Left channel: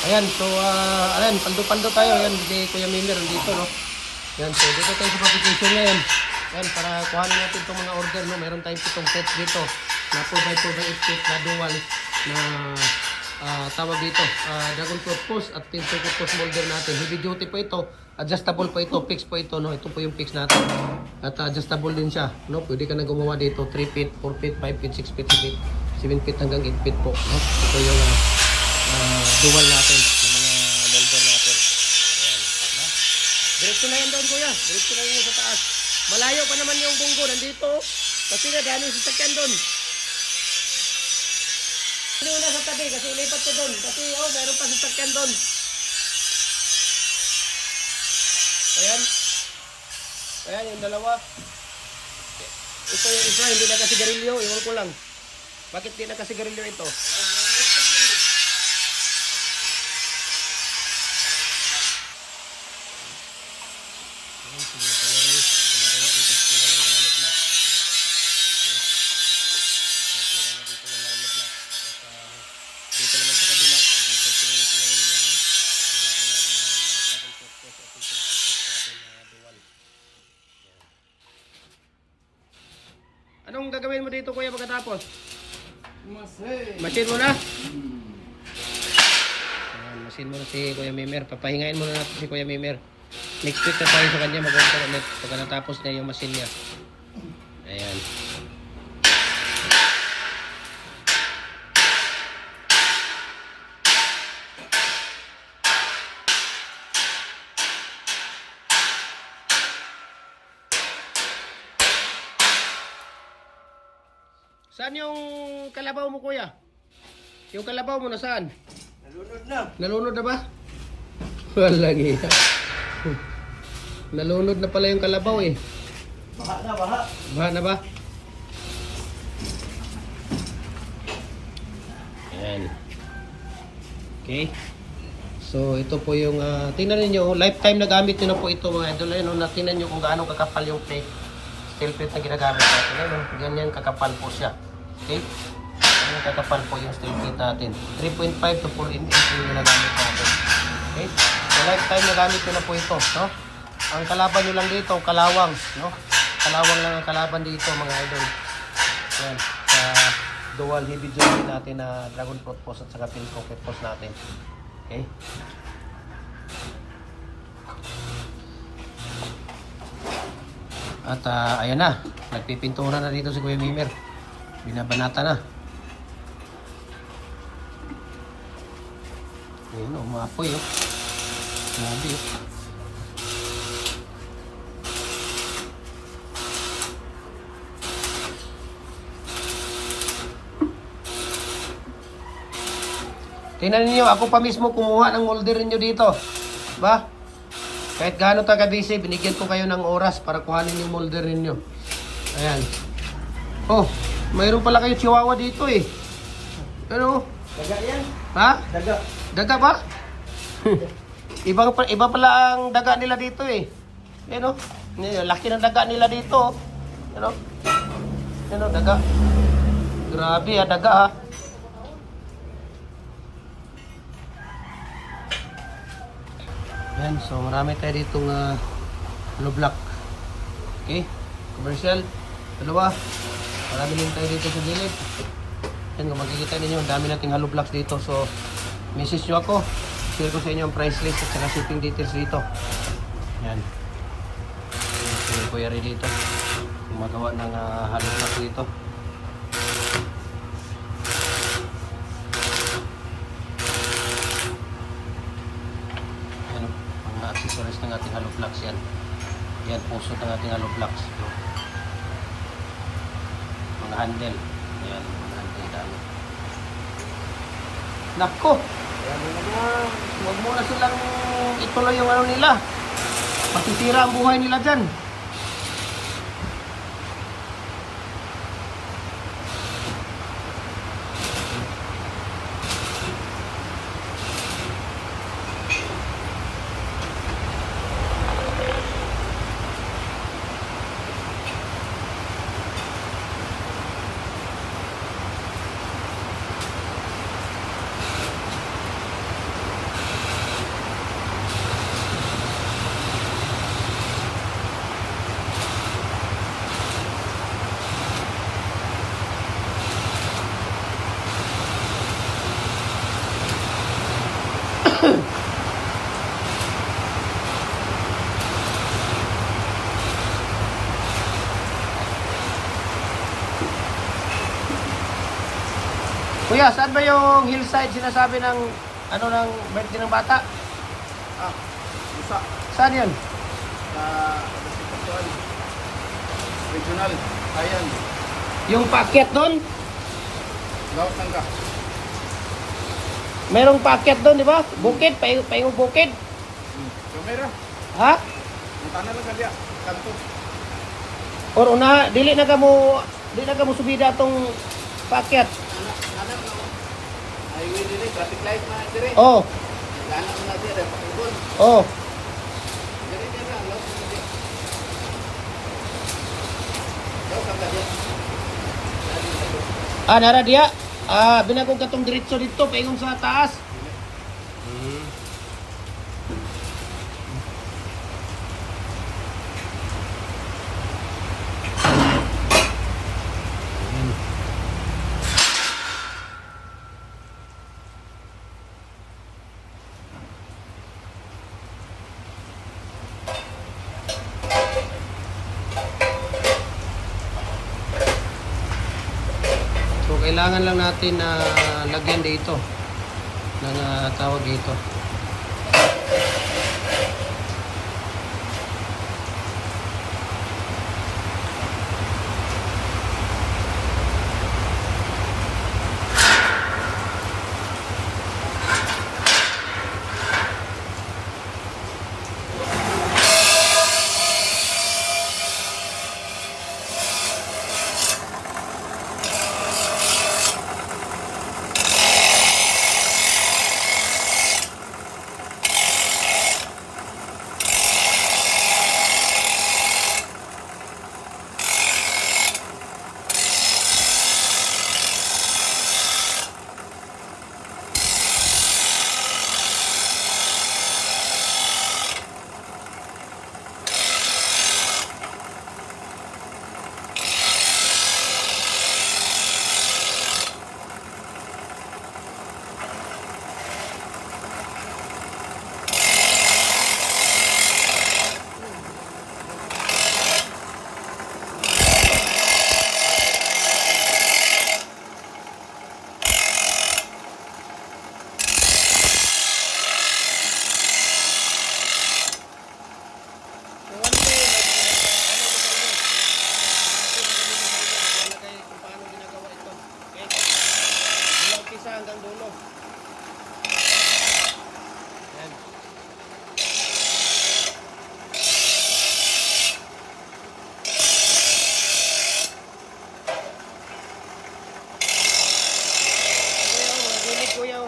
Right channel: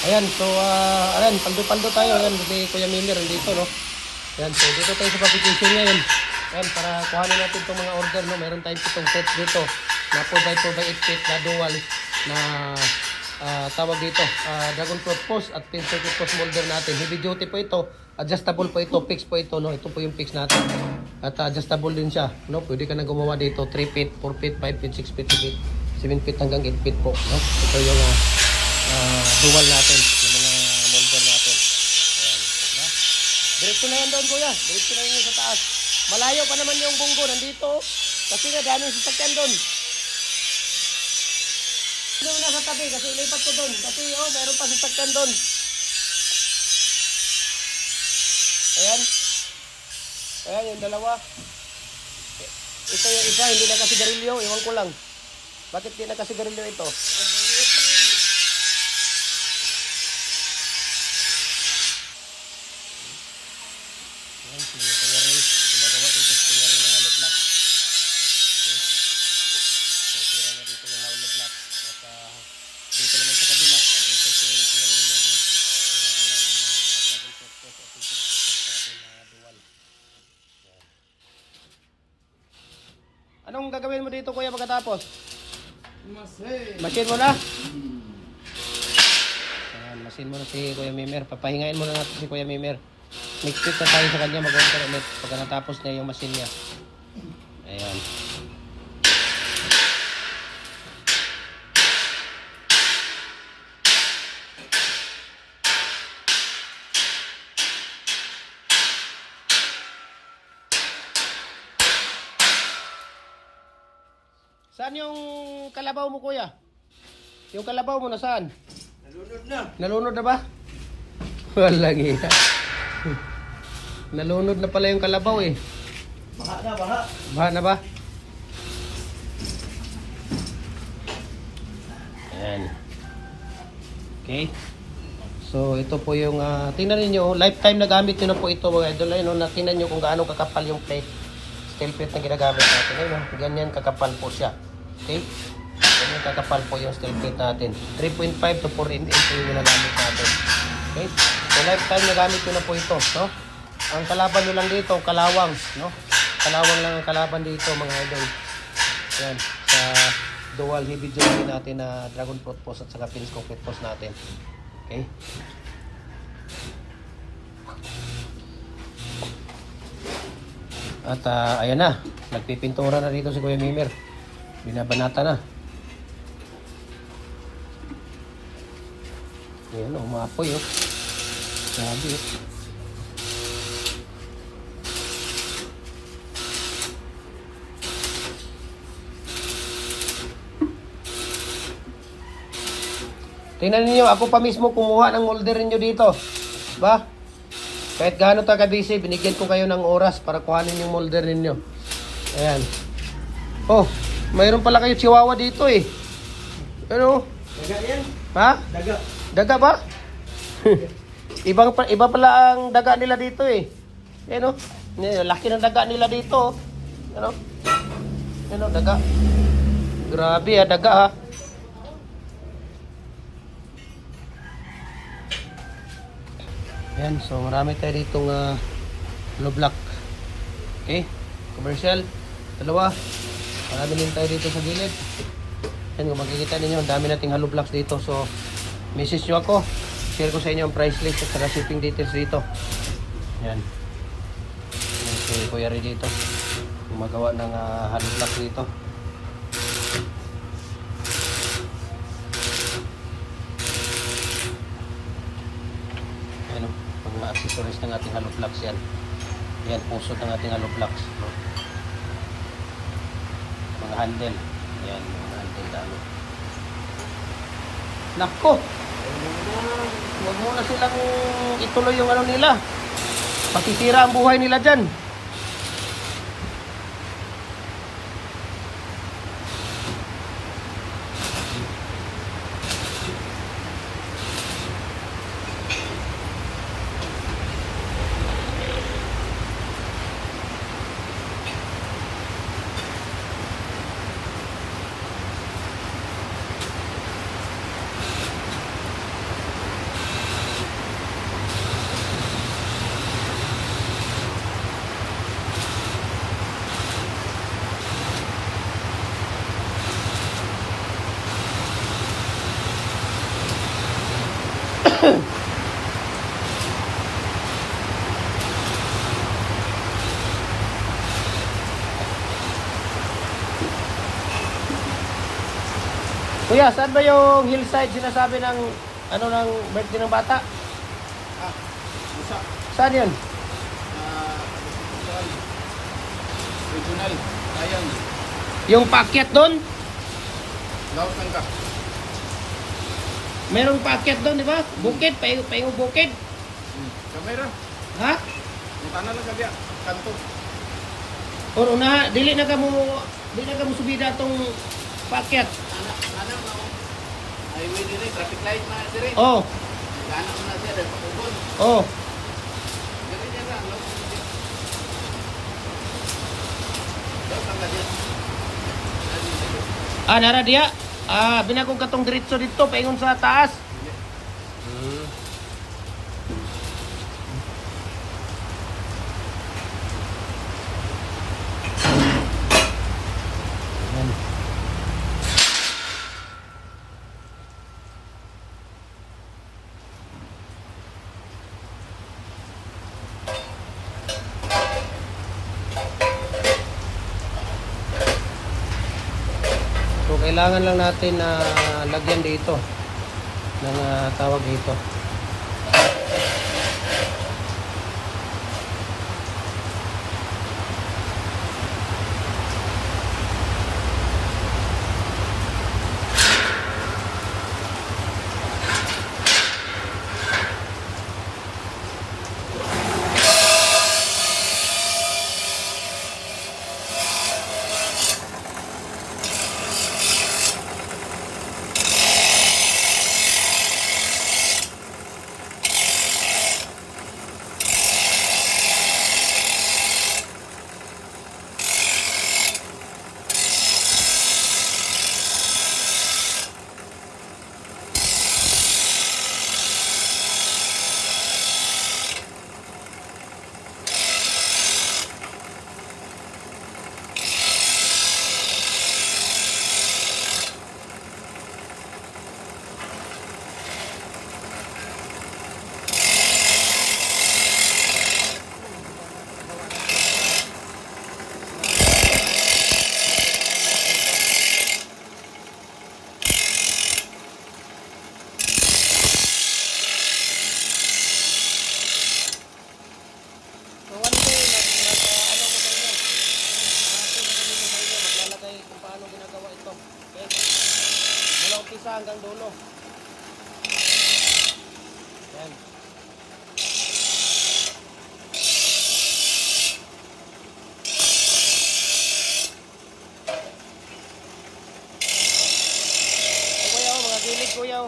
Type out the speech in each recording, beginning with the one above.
Ayan, so, ayan, paldo-paldo tayo. Ayan, hindi Kuya Mimir, dito, no? Ayan, so, dito tayo sa publication ngayon. Ayan, para kuhanin natin itong mga order, no? Meron tayong pitong sets dito. Na 2x2x8 feet na dual na tawag dito, dragon fruit post at pin circuit post molder natin. Heavy duty po ito, adjustable po ito, fix po ito, no? Ito po yung fix natin. At adjustable din siya, no? Pwede ka na gumawa dito, 3 feet, 4 feet, 5 feet, 6 feet, 7 feet, 7 feet hanggang 8 feet po, no? Ito yung dual natin, yung mga molder natin. Ayan, no? Diretso na yan doon, kuya. Diretso na yan sa taas. Malayo pa naman yung bunggo, nandito. Kasi nga, gano'ng sasakyan doon. Hindi na sa tabi kasi ilipat ko doon. Kasi meron pa sasakyan doon. Ayan. Ayan yung dalawa. Ito yung isa, hindi na kasi garilyo. Iwan ko lang. Bakit hindi na kasi garilyo ito? Ayan, sige, kaya rin. Gumagawa dito sa kaya rin ng hollow block. Okay. So, tira na dito ng hollow block. At dito naman sa kabila, dito sa kaya rin no? Gumagawa ng dragon fruit post at dito sa atin na dual. Ayan. Anong gagawin mo dito, kuya, pagkatapos? Masin mo na? Ayan, masin mo na si Kuya Mimir. Papahingain mo na natin si Kuya Mimir. Next week na tayo sa kanya mag-order ulit pagka natapos na yung masin niya. Ayan. Saan yung kalabaw mo, kuya? Yung kalabaw mo nasaan? Nalunod na. Nalunod na ba? Wala gina. Nalunod na pala yung kalabaw eh. Baha na, baha. Baha na ba? Ayan. Okay. So ito po yung tingnan niyo, lifetime na gamit niyo na po ito mga idol. Ayun, tingnan niyo kung gaano kakapal yung plate. Steel plate na ginagamit natin. Ayun, ganyan kakapal po siya. Okay? Ganyan kakapal po yung steel plate natin. 3.5 to 4 mm yung natin. Okay? So lifetime na gamit ko na po ito. No? Ang kalaban nyo lang dito, kalawang. No? Kalawang lang ang kalaban dito mga idol. Ayan. Dual heavy duty natin na dragon fruit post at saka finish fruit post natin. Okay? At ayun na, nagpipintura na dito si Kuya Mimir. Binabanata na. Ayun, umapoy eh. Hindi. Tingnan niyo, ako pa mismo kumuha ng molder niyo dito. Ba? Kahit gaano taga-busy, binigyan ko kayo ng oras para kuhanin yung molder ninyo. Ayan. Oh, mayroon pala kayo chihuahua dito eh. Pero, Daga yan. ha? Daga. Daga ba? Iba pala ang daga nila dito eh. Ayan o. Laki ng daga nila dito. Ayan o. Ayan o, daga. Grabe ha, daga ha. Ayan, so marami tayo ditong hollow block. Okay, commercial. Dalawa. Marami din tayo dito sa gilid. Ayan, makikita ninyo, ang dami nating hollow blocks dito. So, message nyo ako. Share ko sa inyo ang price list at shipping details dito. Ayan. Okay, kuya rin dito. Gumagawa ng hollow block dito. Accessories ng ating hollow blocks yan. Yan, puso ng ating hollow blocks. Mga handle. Yan. Nako! Huwag mo na silang ituloy yung ano nila. Patitira ang buhay nila dyan. Kuya, saan ba yung hillside sinasabi ng ano ng birthday ng bata? Ah, isa. Saan yun? Conceptual. Regional. Ayan. Yung paakyat doon? Laut lang ka. Merong paakyat doon, di ba? Bukid, paingong bukid. Kamera. Ha? Yung tanah lang ka diya. Kanto. Or una, dili na ka mo subida tong paakyat. Tanah no. Highway din eh. Traffic light man dire. Oh, Tanah mo na diya. Dahil pakubon. oh. Ganyan lang. Laut lang ka diya. Laut lang ka diya. Nara diya. Binagong katong diretso dito, paingon sa taas. So, kailangan lang natin na lagyan dito ng tawag dito. So one day, lalagay kung paano ginagawa ito. Okay? Mula umpisa hanggang dulo. Yan. Kuya, mga gilid kuya.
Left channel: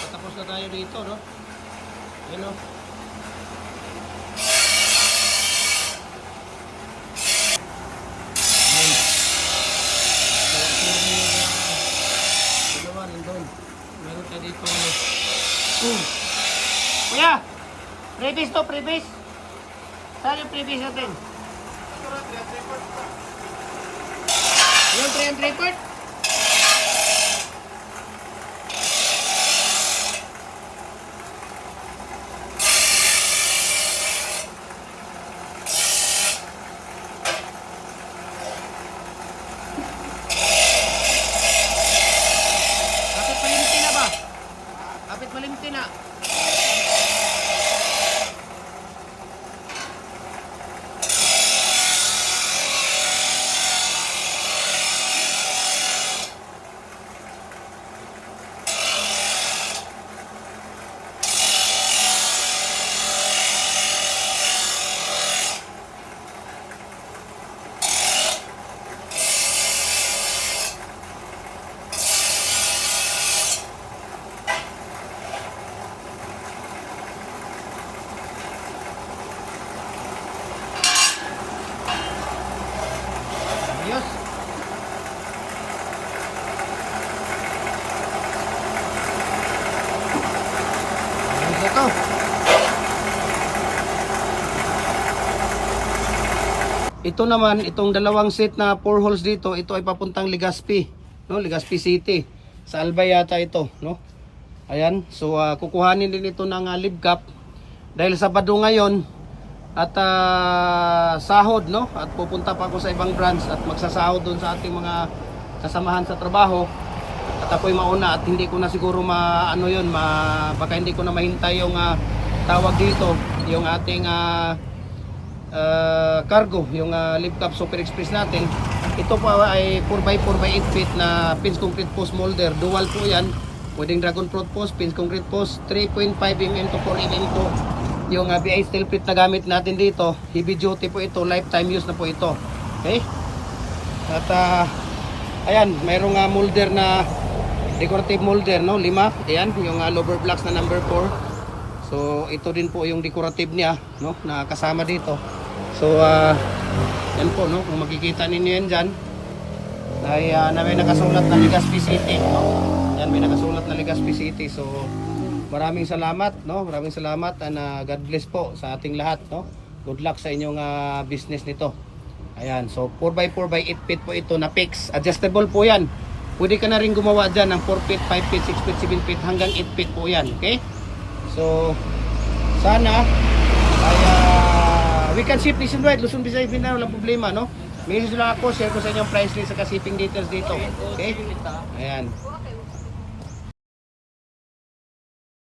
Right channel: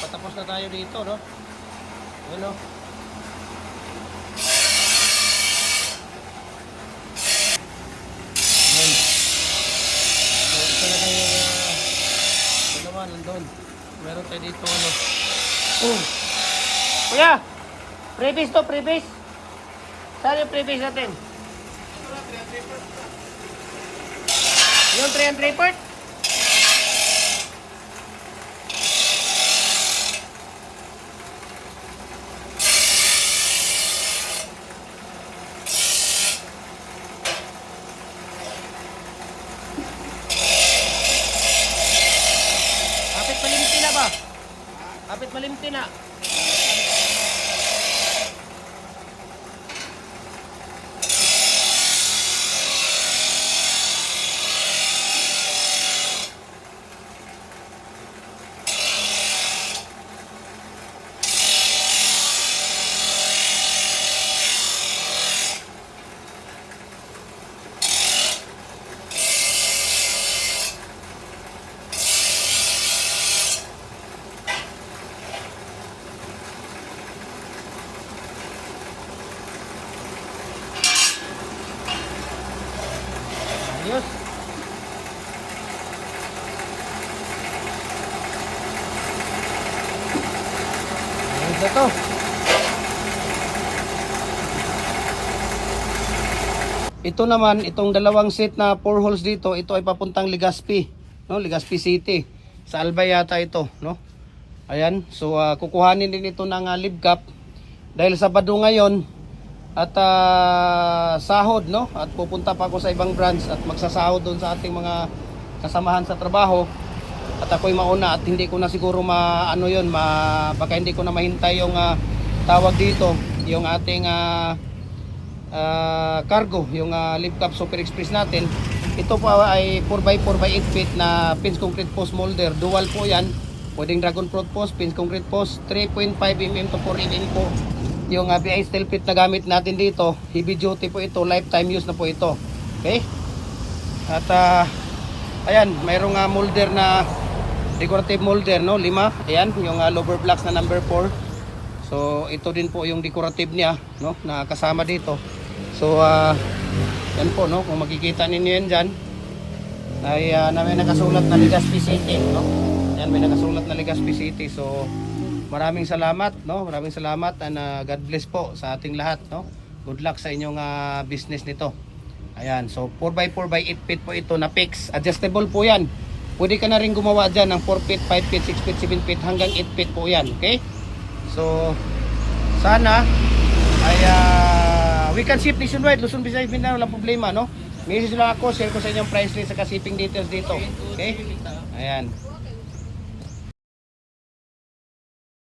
Patapos na tayo dito, no? Ayun, no? Ayun. So, ito na yung ginawa doon. Meron tayo dito, no? Kuya! Previous to, previous. Saan yung previous natin? Yung 3 and 3 part? ito naman, itong dalawang set na 4 holes dito, ito ay papuntang Legazpi, no? Legazpi City. Sa Albay yata ito, no? Ayan, so kukuhanin din ito ng live cap dahil Sabado ngayon at sahod, no? At pupunta pa ako sa ibang branch at magsasahod doon sa ating mga kasamahan sa trabaho. At ako'y mauna at hindi ko na siguro baka hindi ko na mahintay yung tawag dito, yung ating cargo, yung live cap Super Express natin. Ito pa ay 4x4 by 8 feet na pins concrete post molder, dual po yan, pwedeng dragon fruit post, pins concrete post, 3.5 mm to 4 mm po yung BI steel plate na gamit natin dito. Heavy duty po ito, lifetime use na po ito. Okay, at ayan, mayroong molder na decorative molder, no? 5, ayan, yung lower blocks na number 4. So ito din po yung decorative niya, no, na kasama dito. So yan po, no, kung makikita ninyo yan dyan, na may nakasulat na Legazpi City. Yan, may nakasulat na Legazpi City. So maraming salamat, no, maraming salamat, and God bless po sa ating lahat, no. Good luck sa inyong business nito. Ayan, so 4x4 by 8 feet po ito na fix. Adjustable po yan. Pwede ka na rin gumawa dyan ng 4 feet, 5 feet, 6 feet, 7 feet hanggang 8 feet po yan. Okay? So, sana ay we can ship nationwide, Luzon, Visayas, Mindanao, walang problema, no? Message lang ako, share ko sa inyo price list at shipping details dito. Okay? Ayan.